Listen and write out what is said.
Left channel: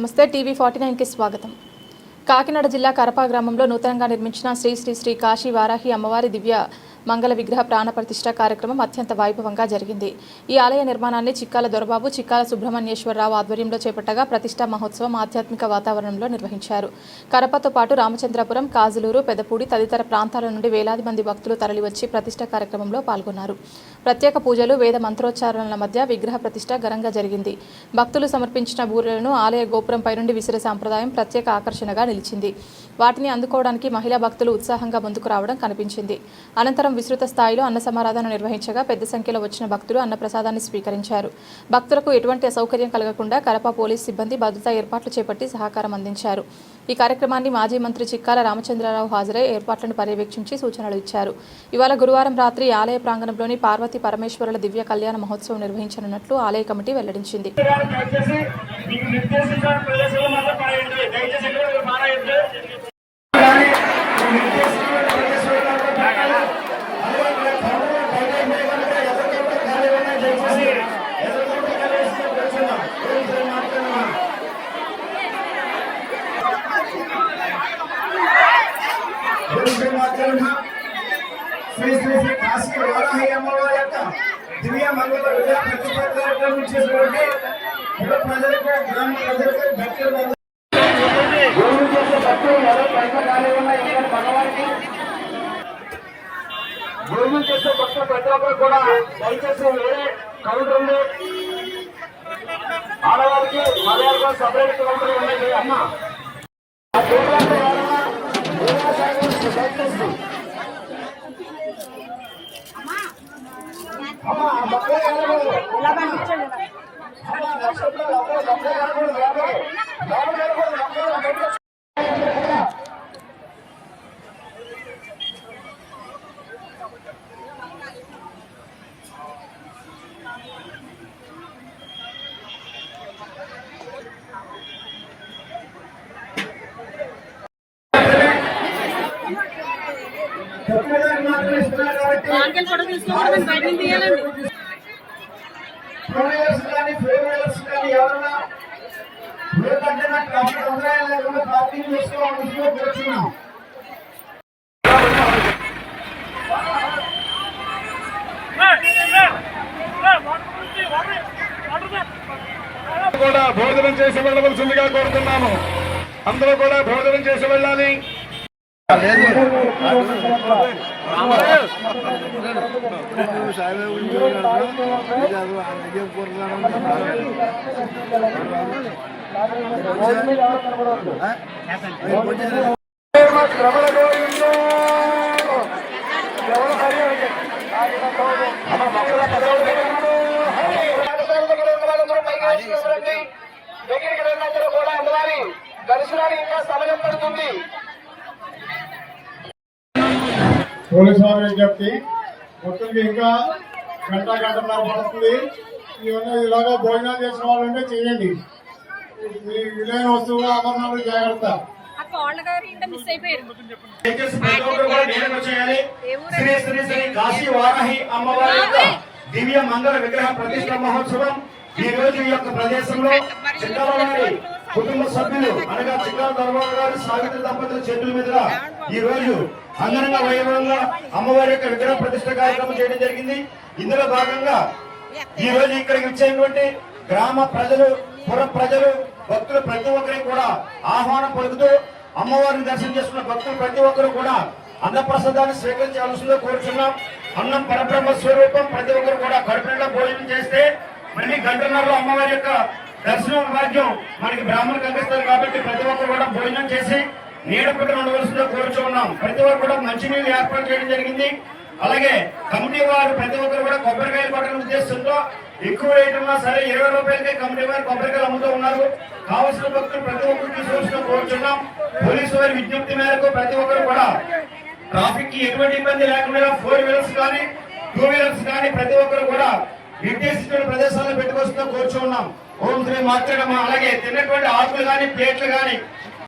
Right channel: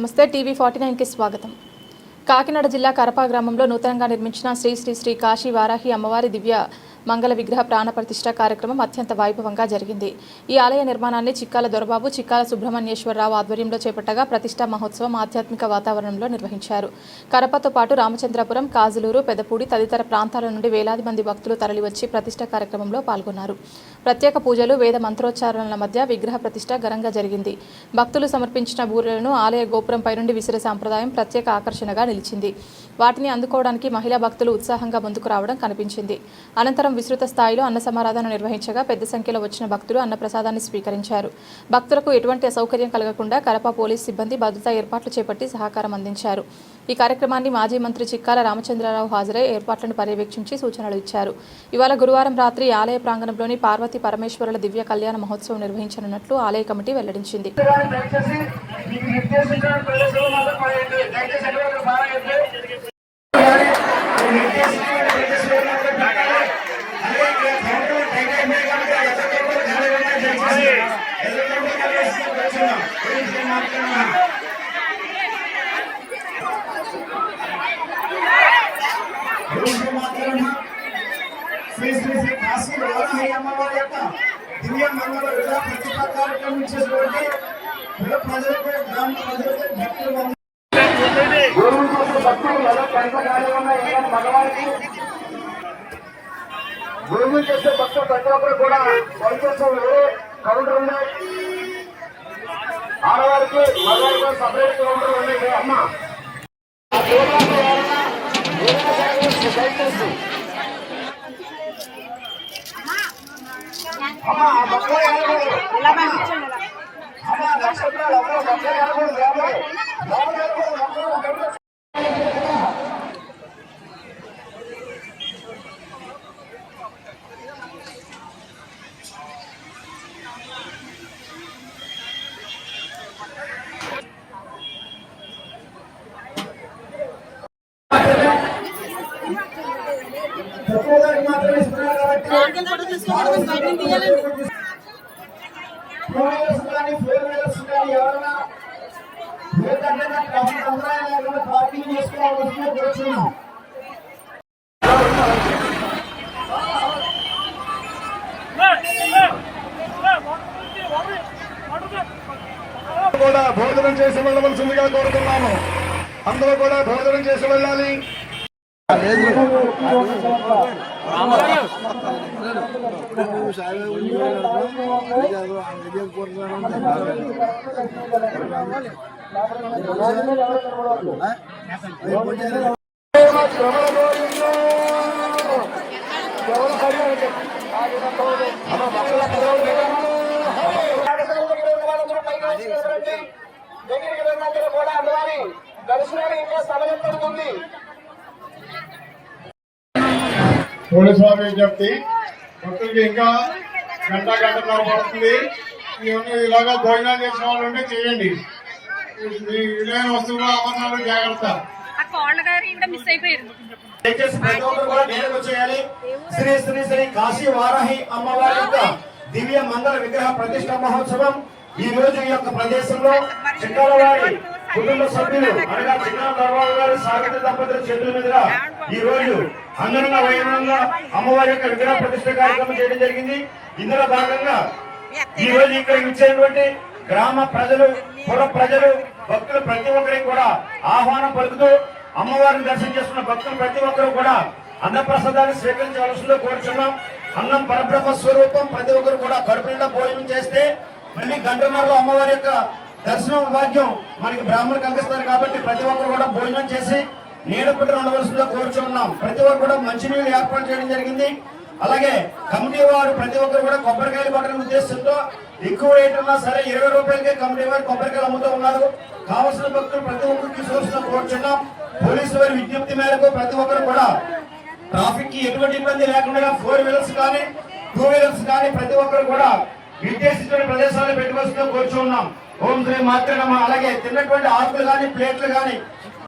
నమస్తే టీవీ 49 కి స్వాగతం. కాకినాడ జిల్లా కరప గ్రామంలో నూతనంగా నిర్మించిన శ్రీ శ్రీ శ్రీ కాశీ వారాహి అమ్మవారి దివ్య మంగళ విగ్రహ ప్రాణ ప్రతిష్ఠ కార్యక్రమం అత్యంత వైభవంగా జరిగింది. ఈ ఆలయ నిర్మాణాన్ని చిక్కాల దొరబాబు, చిక్కాల సుబ్రహ్మణ్యేశ్వరరావు ఆధ్వర్యంలో చేపట్టగా ప్రతిష్ఠా మహోత్సవం ఆధ్యాత్మిక వాతావరణంలో నిర్వహించారు. కరపతో పాటు రామచంద్రపురం, కాజులూరు, పెదపూడి తదితర ప్రాంతాల నుండి వేలాది మంది భక్తులు తరలివచ్చి ప్రతిష్ఠ కార్యక్రమంలో పాల్గొన్నారు. ప్రత్యేక పూజలు, వేద మంత్రోచ్చారణల మధ్య విగ్రహ ప్రతిష్ఠ ఘనంగా జరిగింది. భక్తులు సమర్పించిన బూరెలను ఆలయ గోపురంపై నుండి విసిరే సాంప్రదాయం ప్రత్యేక ఆకర్షణగా నిలిచింది. వాటిని అందుకోవడానికి మహిళా భక్తులు ఉత్సాహంగా ముందుకు రావడం కనిపించింది. అనంతరం విస్తృత స్థాయిలో అన్న సమారాధన నిర్వహించగా పెద్ద సంఖ్యలో వచ్చిన భక్తులు అన్నప్రసాదాన్ని స్వీకరించారు. భక్తులకు ఎటువంటి అసౌకర్యం కలగకుండా కరప పోలీస్ సిబ్బంది భద్రతా ఏర్పాట్లు చేపట్టి సహకారం అందించారు. ఈ కార్యక్రమాన్ని మాజీ మంత్రి చిక్కాల రామచంద్రరావు హాజరై ఏర్పాట్లను పర్యవేక్షించి సూచనలు ఇచ్చారు. ఇవాళ గురువారం రాత్రి ఆలయ ప్రాంగణంలోని పార్వతీ పరమేశ్వరుల దివ్య కళ్యాణ మహోత్సవం నిర్వహించనున్నట్లు ఆలయ కమిటీ వెల్లడించింది. శ్రీ శ్రీ శ్రీ కాశీ వారాహి అమ్మవారి యొక్క దివ్య మంగళ విగ్రహ ప్రతిష్ఠ కార్యక్రమం చేసినటువంటి ప్రజలకు, గ్రామ ప్రజలకు, భక్తులు భూమి చేసే భక్తులు ప్రతి ఒక్కరు కూడా దయచేసి వేరే కౌంటర్లో ఆడవారికి మగవారికి సపరేట్ కౌంటర్ ఉండేది. అమ్మ పార్కింగ్ చేసుకోవాల్సిన కూడా భోజనం చేసి వెళ్ళవలసిందిగా కోరుతున్నాను. అందరూ కూడా భోజనం చేసి వెళ్ళాలి. దగ్గరికి వెళ్ళినందరూ కూడా అమ్మవారి దర్శనానికి ఇంకా సమయం పడుతుంది. పోలీసు వారి విజ్ఞప్తి, భక్తులకి ఇంకా గంటన్నర పడుతుంది. ఇలాగా భోజనం చేసిన వాళ్ళు ఉంటే చేయండి. మీ విలువైన వస్తువులు అమ్మకాలు జాగ్రత్త. శ్రీ శ్రీ శ్రీ కాశీ వారాహి అమ్మవారి యొక్క దివ్య మంగళ విగ్రహ ప్రతిష్ఠ మహోత్సవం ఈ రోజు ఈ యొక్క ప్రదేశంలో చిక్కాల వారి కుటుంబ సభ్యులు అనగా చిక్కాల దర్బాబు గారి సాగిత దంపతుల చేతుల మీదుగా ఈ రోజు అంగరంగ వైభవంగా అమ్మవారి యొక్క విగ్రహ ప్రతిష్ఠ కార్యక్రమం చేయడం జరిగింది. ఇందులో భాగంగా ఈ రోజు ఇక్కడ ఇచ్చేటువంటి గ్రామ ప్రజలు, పుర ప్రజలు, భక్తులు ప్రతి ఒక్కరికి కూడా ఆహ్వానం పలుకుతూ అమ్మవారిని దర్శనం చేసుకున్న భక్తులు ప్రతి ఒక్కరు కూడా అన్నప్రసాదాన్ని స్వీకరించాల్సిందిగా కోరుచున్నాం. అన్నం పరబ్రహ్మ స్వరూపం. ప్రతి ఒక్కరు కూడా కడుపు నిండా భోజనం చేస్తే మళ్ళీ గంటన్నరలో అమ్మవారి యొక్క దర్శనం భాగ్యం మనకి బ్రాహ్మణులకు అందిస్తారు. కాబట్టి ప్రతి ఒక్కరు కూడా భోజనం చేసి నీడపట్టు ఉండవలసిందిగా కోరుచున్నాం. ప్రతి ఒక్కరు కూడా మంచినీళ్ళు ఏర్పాటు చేయడం జరిగింది. అలాగే కమిటీ వారు ప్రతి ఒక్కరు కూడా కొబ్బరికాయలు పట్టడం ఉద్దేశంతో ఎక్కువ రేట్ ఉన్నా సరే 20 రూపాయలకే కమిటీ వారు కొబ్బరికాయలు అమ్ముతూ ఉన్నారు. కావాల్సిన భక్తులు ప్రతి ఒక్కరు తీసుకోవాల్సిన కోరుచున్నాం. పోలీసు వారి విజ్ఞప్తి మేరకు ప్రతి ఒక్కరు కూడా ట్రాఫిక్ కి ఎటువంటి ఇబ్బంది లేకుండా 4 వీలర్స్ కానీ 2 వీలర్స్ కానీ ప్రతి ఒక్కరు కూడా నిర్దేశించిన ప్రదేశాలను పెట్టుకోవాల్సిన కోరుచున్నాం. ఓం శ్రీ మార్చడమ్మ. అలాగే తిన్నటువంటి ఆకులు కానీ, ప్లేట్లు కానీ